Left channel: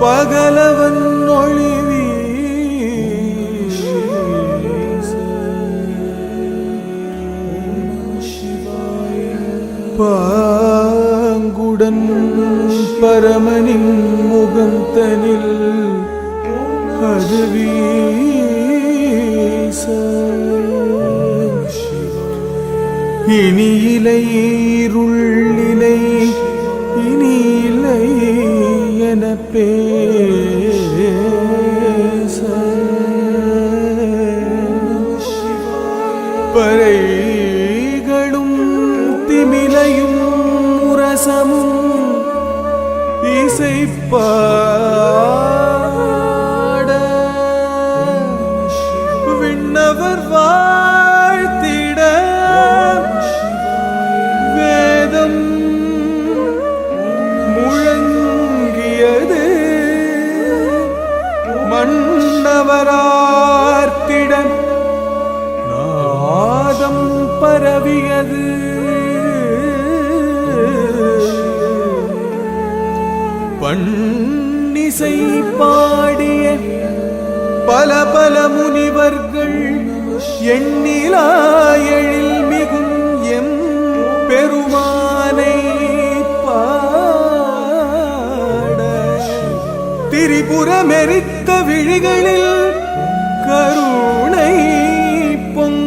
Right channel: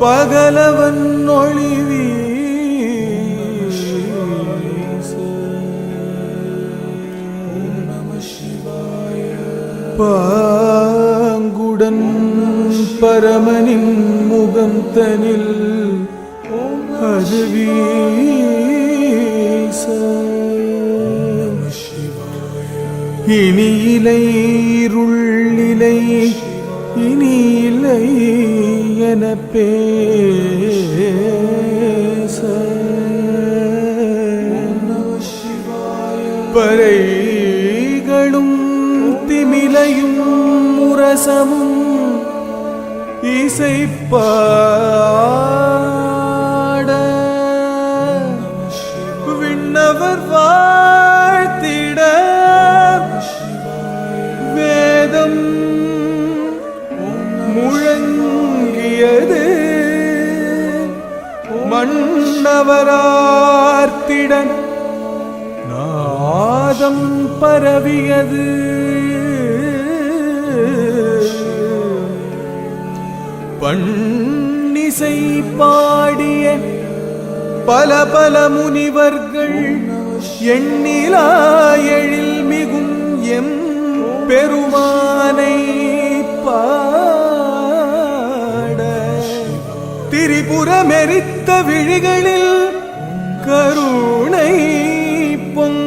பகலவன் ஒளிவி பாங்குடன் பரமனின் முகம் தனில் அது வீச இனி இலை இருளிலை இனி இல்லை என பேச பறைகளும் திமிலையும் முரசமும் இசைப்பாட விண்ணவர் வாழ்த்திட வேதம் முழங்கியது மன்னவரார்த்திட நாதம் பரவியது பன்னிசை பாடிய பல பல முனிவர்கள் எண்ணிலா எழில் மிகும் எம் பெருமானை பாட திரிபுரமெரித்த விழிகளில் கருணை பொங்க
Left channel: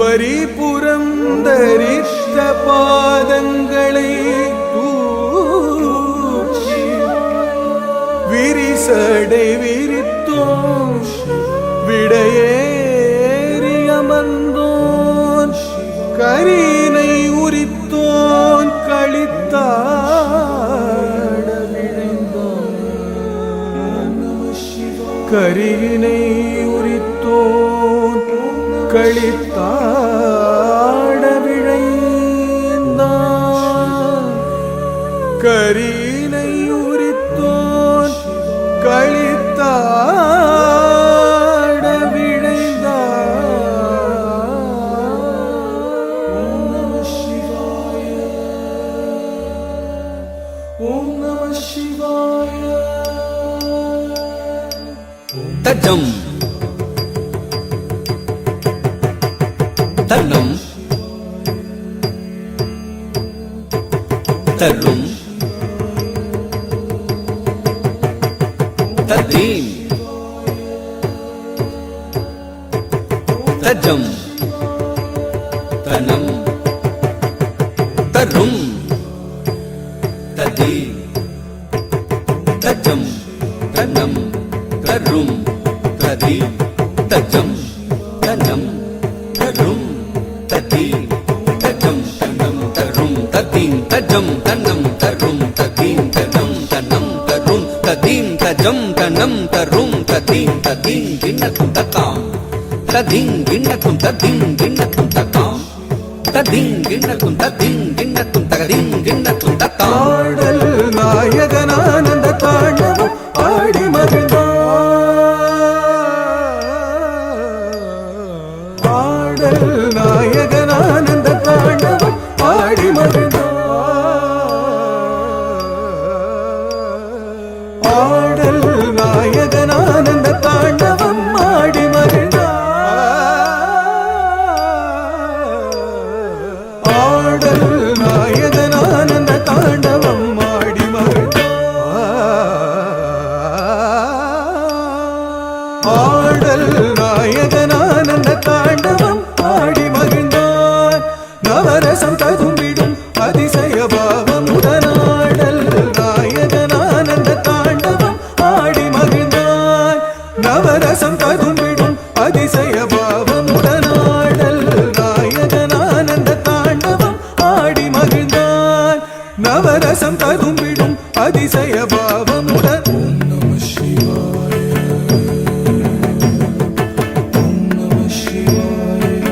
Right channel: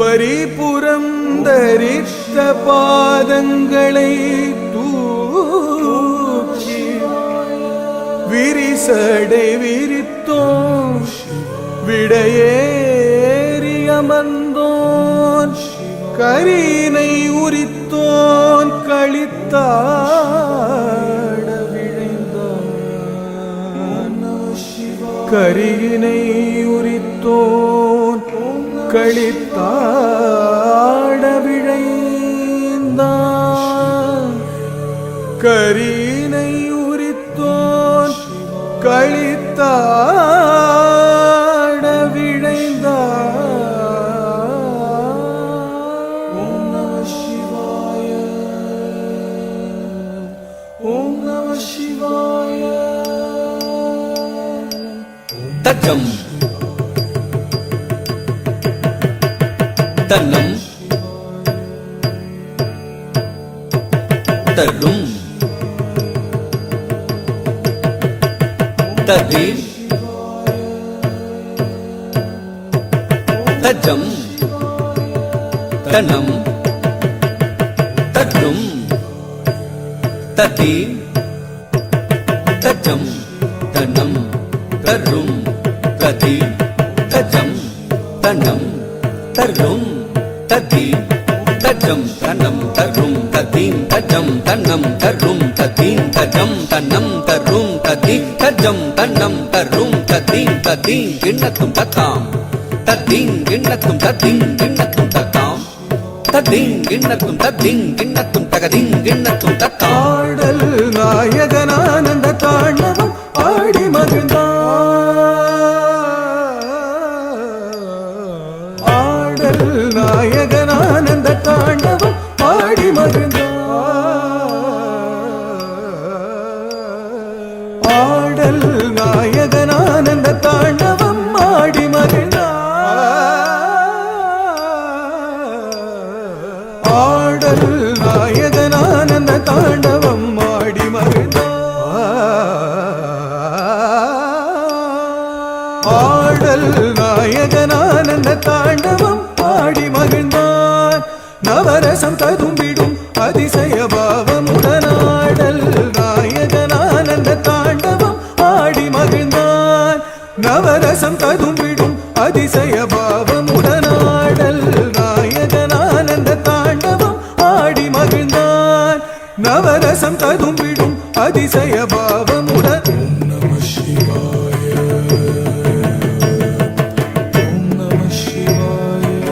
பரிபுரம் தரித்த பாதங்களை தூக்கி விரிசடை விரித்தோம் விடையேறி அமர்ந்தோன் கரினை உரித்தோன் களித்தாட விழைந்தான் கரியினை உரித்தோன் களித்தாட விழைந்தான் கரினை உரித்தோன் களித்தாட விழைந்தான். ஓம் நம சிவாய ஓம் நம சிவாய தஜம் தன்னம் தரும் ததி தஜம் தனம் தரும் ததி தஜம் தனம் தரும் ததி தஜம் தனம் தரும் ததி தஜம் தனம் தரும் ததீம் தஜம் தனம் தரும் ததீம் தஜம் தனம் தரும் ததீம் தஜம் தனம் தரும் ததீம் ததீம் கிண்ணக்கும் தக்காம் ததீம் கிண்ணக்கும் ததீம் கிண்ணக்கும் தக்காம் ததீம் கிண்ணக்கும் ததீம் கிண்ணக்கும் தகதீம் கிண்ணக்கும் தக்காம். ஆடல் நாயகனானந்த தாண்டவம் ஆடி மகிழ்ந்தான் ஆடல் நாயகனானந்த தாண்டவம் ஆடி மகிழ்ந்தான் ஆடல் நாயகனானந்த தாண்டவம் ஆடி மகிழ்ந்தான் ஆடல் நாயகனானந்த தாண்டவம் ஆடி மகிழ்ந்தான் ஆடல் நாயகனானந்த தாண்டவம் ஆடி மகிழ்ந்தான் நவரசம் ததும்பிடும் அதிசய பாவமுடனாடல் நாயகனானந்த தாண்டவம் ஆடி மகிழ்ந்தான் நவரசம் ததும்பிடும் அதிசய பாவமுடனாடல் நாயகனானந்த தாண்டவம் ஆடி மகிழ்ந்தான் நவரசம் ததும்பிடும் அதிசய பாவமுடன். ஓம் நம சிவாய ஓம் நம சிவாய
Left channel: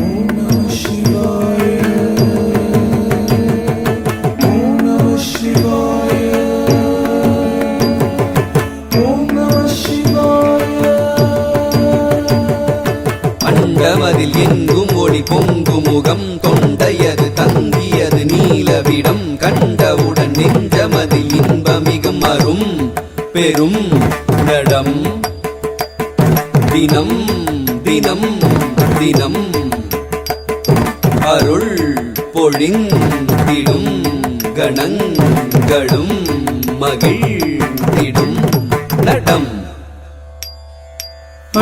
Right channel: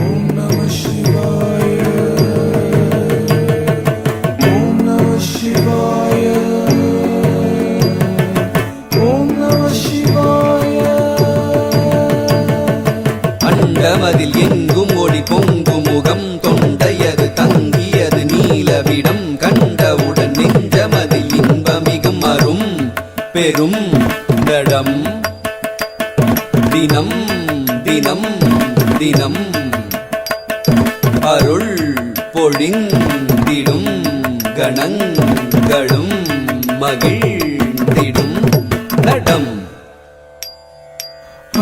ஓம் நம சிவாய ஓம் நம சிவாய ஓம் நம சிவாய. அண்டமதில் எங்கும் ஒளி பொங்கு முகம் தொண்டையது தங்கியது நீலவிடம் கண்டவுடன் நெஞ்சமதில் இன்பமிகும் அரும் பெரும் நடம் தினம் தினம் தினம் அருள் பொழிந்திடும் கணங்களும் மகிழ்ந்திடும் நடம்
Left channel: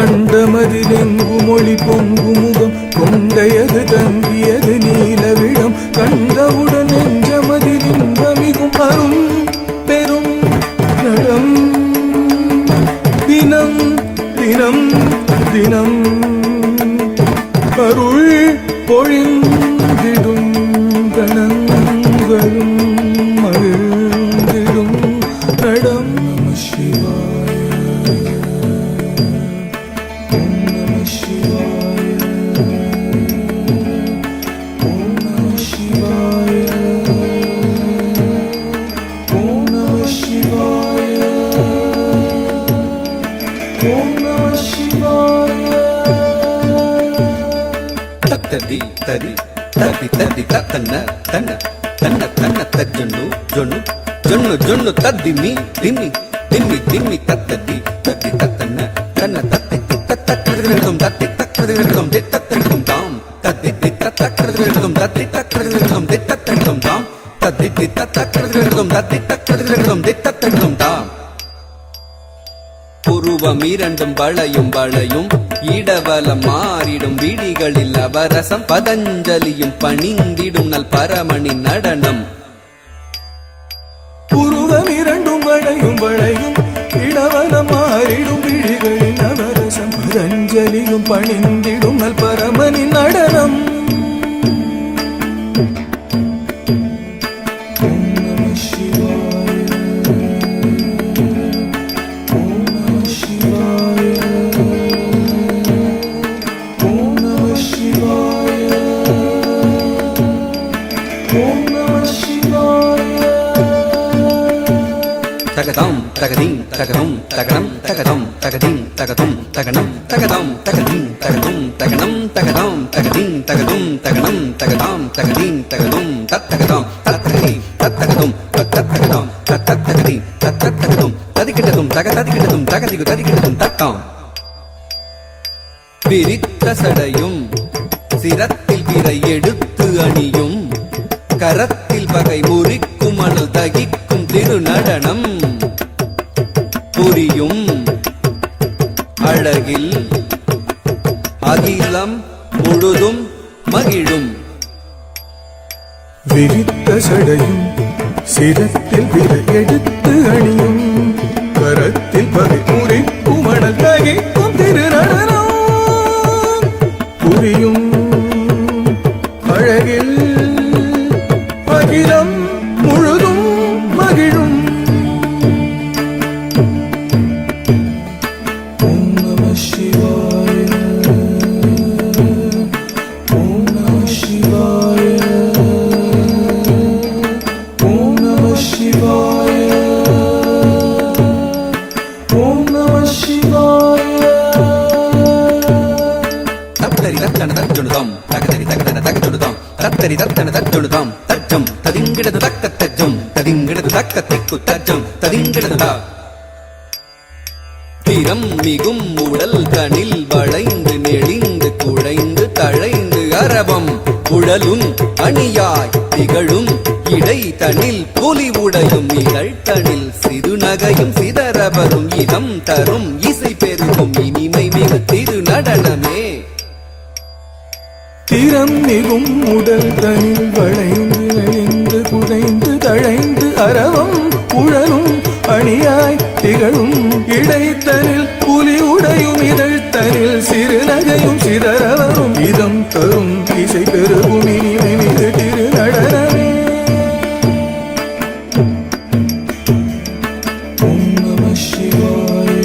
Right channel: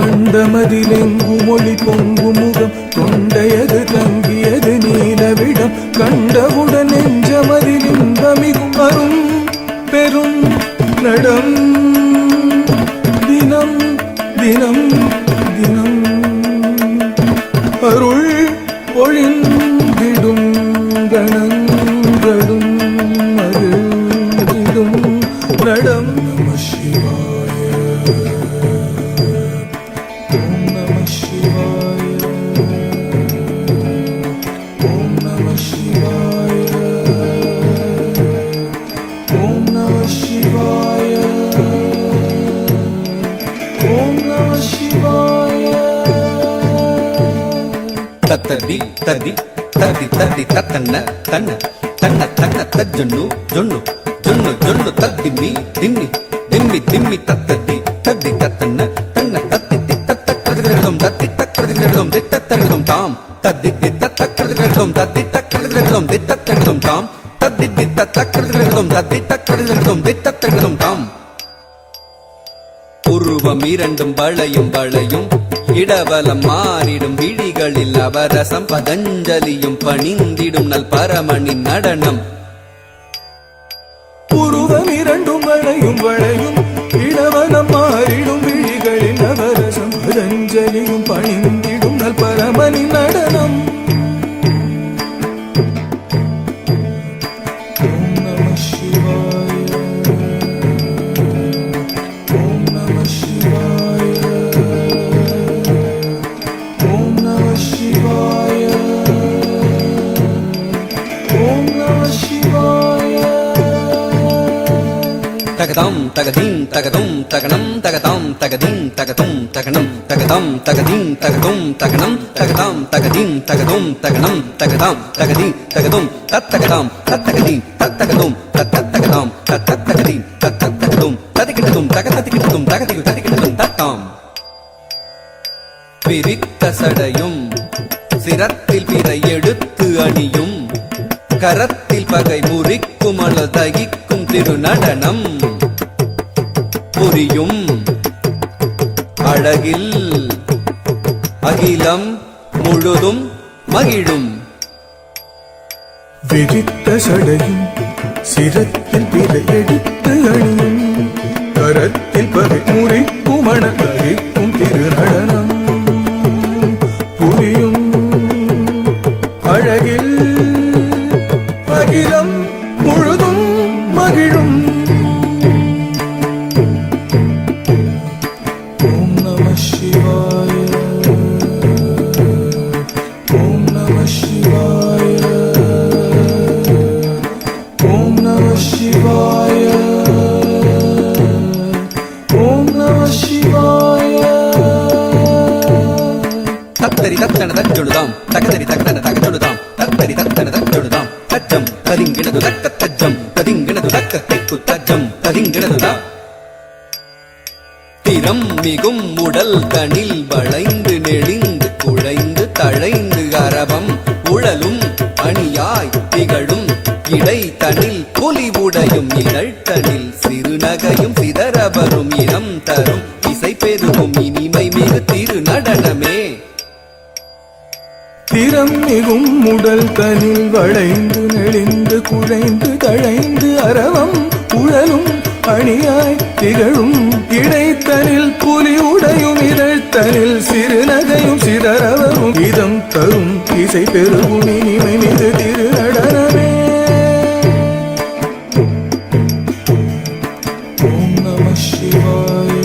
அண்டமதிலெங்கும் ஒளி பொங்கு முகம் கொண்டையது தம்பியது நீலவிடம் கண்டவுடன் நெஞ்சமதில் இன்பமிகும் அரும் பெரும் நடம் தினம் தினம் தினம் அருள் பொழிந்திடும் கணங்களும் மகிழ்ந்திடும் நடம் நம சிவாய ஓம் நம சிவாய ஓம் நம சிவாய ஓம் நம சிவாய ஓம் நம சிவாய தத்ததி ததி ததி ததி தத்தன்ன தன்ன தன்ன தன்ன தஜ்ஜொன்னு ஜொன்னு ஜொன்னு ஜொன்னு தத்திமி திம்மி திம்மி திம்மி தத்ததி தத்தி தத்தன்ன தன்ன தத்தி தத்தக்கடுகளும் தத்தி தக்கடுகளும் தித்தத்தடுகளும் தாம் தத்தி தத்தக்கடுகளும் தத்தி தக்கடுகளும் தித்தத்தடுகளும் தாம் தத்தி தத்தக்கடுகளும் தத்தி தக்கடுகளும் தித்தத்தடுகளும் தாம் உருவம் இரண்டும் வளையும் வளையும் இடவலம் மாறிடும் விழிகளில் அவரசம் பதஞ்சலியும் பணிந்திடும் நல் பரமனின் நடனம் உருவம் இரண்டும் வளையும் வளையும் இடவலம் மாறிடும் விழிகளில் அவரசம் பதஞ்சலியும் பணிந்திடும் நல் பரமனின் நடனம் ஓம் நம சிவாய ஓம் நம சிவாய ஓம் நம சிவாய ஓம் நம சிவாய தகதம் தகதிங் தகதும் தகனம் தகதம் தகதிங் தகதும் தகனம் தகதம் தகதிங் தகதும் தகனம் தகதம் தகதிங் தகதும் தகனம் தகதம் தகதிங் தகதும் தத்தகதம் தத்தகதி தத்தகதும் தத்தகதம் தத்தகதி தத்தகதும் ததிகிடதும் தகதிகிடதும் தகதி ததிகிடதும் தத்தாம் விரித்த சடையும் சிரத்தில் விரை எடுத்து அணியும் கரத்தில் வகை முறிக்கும் அழல் தகிக்கும் திருநடனம் புரியும் அழகில் அகிலம் முழுதும் மகிழும் விரித்த சடையும் சிரத்தில் விரை எடுத்து அணியும் கரத்தில் பகை முறிக்கும் அழககிக்கும் திருநடனம் புரியும் அழகில் அகிலம் முழுதும் மகிழும் ஓம் நம சிவாய ஓம் நம சிவாய ஓம் நம சிவாய ஓம் நம சிவாய தத்தரி தத்தன தச்சொழுதாம் தகதரி தகதன தகச்சொழுதாம் தத்தரி தத்தன தச்சொழுதாம் தச்சம் தரிங்கிடது தக்க தச்சம் தரிங்கிடது தக்க திக்கு தச்சம் தரிங்கிடதுடா திறம் மிகும் உடல் தனில் வளைந்து நெளிந்து குழைந்து தழைந்து அரவம் உழலும் அணியாய் திகழும் இடை தனில் புலி உடையும் நிகழ்த்தனில் சிறுநகையும் சிதறவரும் இனம் தரும் இசை பெருகும் இனிமை மிகு திரு நடனமே திறம் மிகும் உடல் தனில் வளைந்து நெளிந்து குழைந்து தழைந்து அரவம் உழலும் அணியாய் திகழும் இடைத்தனில் புலி உடையும் இதழ்த்தனில் சிறுநகையும் சிதறவரும் இதம் தரும் இசை பெரும் இனிமை மிகு திரு நடனமே ஓம் நம சிவாய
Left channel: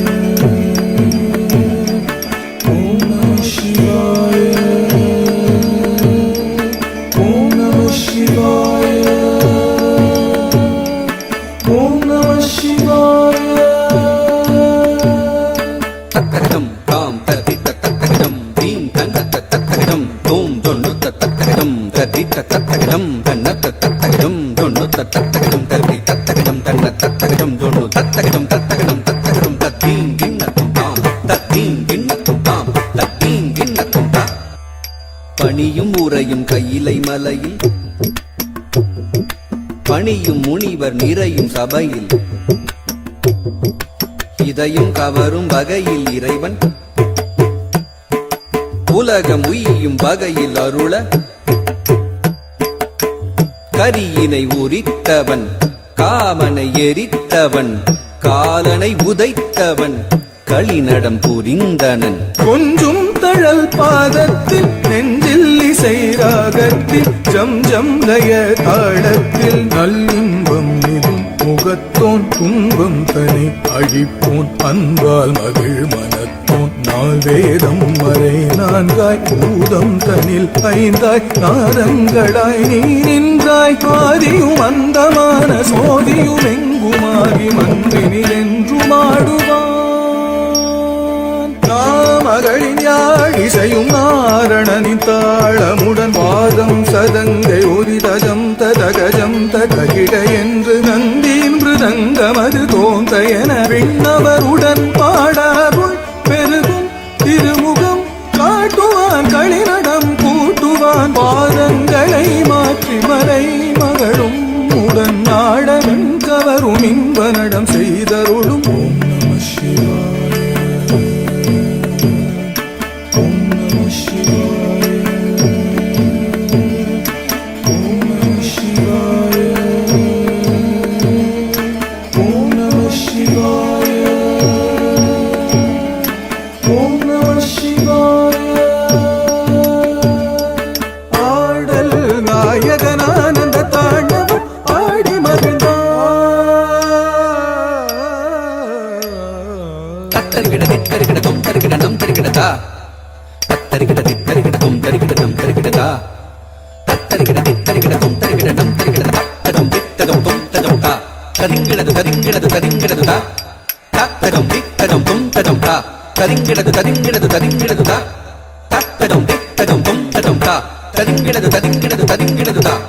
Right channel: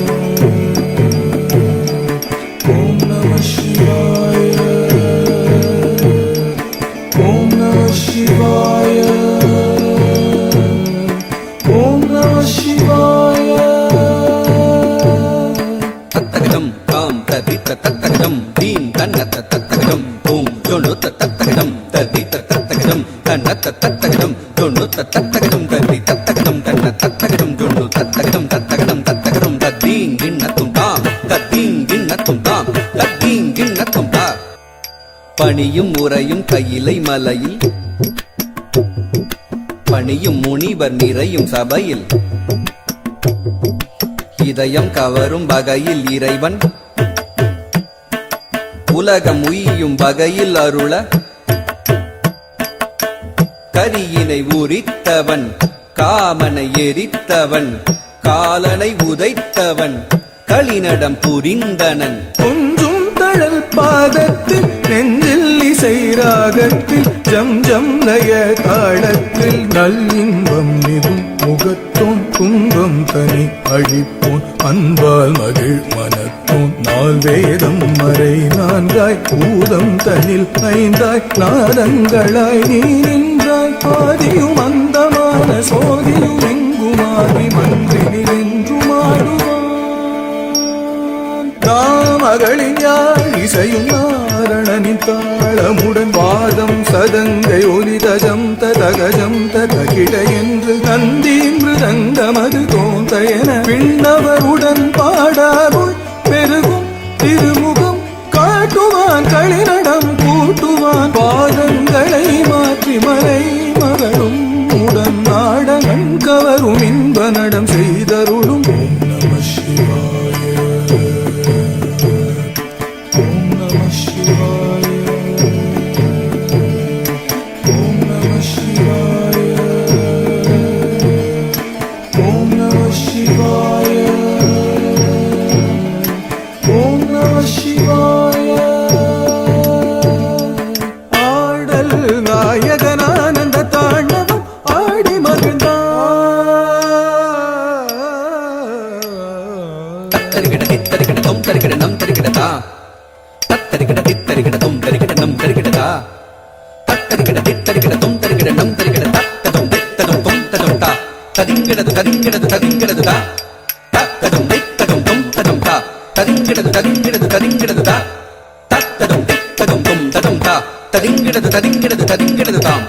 ஓம் நம சிவாய ஓம் நம சிவாய ஓம் நம சிவாய தத்தகடம் தாம் ததி தத்தகடம் தீம் தன்ன தத்தகடம் தூம் ஜொல்லு தத்தகடம் ததி தத்தி தத்தகடம் தன்ன தத்தகடம் தொண்ணு தத்தகடம் தத்தி தத்தகடம் தன்ன தத்தகடம் தொண்ணு தத்தகடம் தத்தகடம் தத்தகடம் தத்தீன் கிண்ணத்தும் தாம் தத்தீன் கிண்ணத்தும் தாம் தத்தீன் கிண்ணத்தும் தா பணியும் உரையும் கையிலை மலையில் பணியும் முனிவர் நிறையும் சபையில் இதயம் கவரும் வகையில் இறைவன் உலகம் உய்யும் வகையில் அருள கரியினை உரித்தவன் காமனை எரித்தவன் காலனை உதைத்தவன் களிநடம் புரிந்தனன் கொஞ்சும் தழல் பாதத்தில் நெஞ்சில் இசை ராகத்தில் ஜம் ஜம் நய தாளத்தில் நல்லின்பம் நிறும் முகத்தோன் துன்பம் தனி அழிப்போன் அன்பால் மகிழ் மனத்தோன் நாள் வேதம் வரை நான்காய் பூதம் தனில் ஐந்தாய் நாதங்களாய் நீ நின்றாய் பாதியும் அந்தமான சோதியும் எங்குமாறி மன்றினி என்றும் ஆடுவான் தாமகளிஞாழ் இசையும் நாரணனி தாளமுடன் வாதம் சதங்கை ஒலி தஜம் ததகஜம் ததகிட என்று நந்தீன்று தங்கமது தோன்ற என விண்ணவருடன் பாடாருள் பெருகும் திருமுகம் காட்டுவான் களிநடம் கூட்டுவான் பாதங்களை மாற்றி மலை மகளும் உடன் நாடகன் கவரும் இன்ப நடம் செய்தருளும் ஓம் நம சிவாய ஓம் நம சிவாய ஓம் நம சிவாய ஓம் நம சிவாய ஓம் நம சிவாய ஆடல் நாயகனானந்த தாண்டவம் ஆடி மகிழ்ந்தான் தத்தரிகிட தித்தரிகிட தொம் தரிகிட நம் தரிகிடதா தத்தரிகிட தித்தரிகிட தொம் தரிகிட நம் தரிகிடதா தத்தரிகிட தித்தரிகிட தொம் தரிகிட நம் தரிகிடதா ததம் தித்ததம் தொம் ததம் தா தரிங்கிடது தரிங்கிடது தரிங்கிடது தா தத்ததம் தித்ததம் தொம் ததம் தா தரிங்கிடது தரிங்கிடது தரிங்கிடது தா தத்ததம் தித்ததம் தொம் ததம் தா தரிங்கிடது தரிங்கிடது தரிங்கிடது தாம்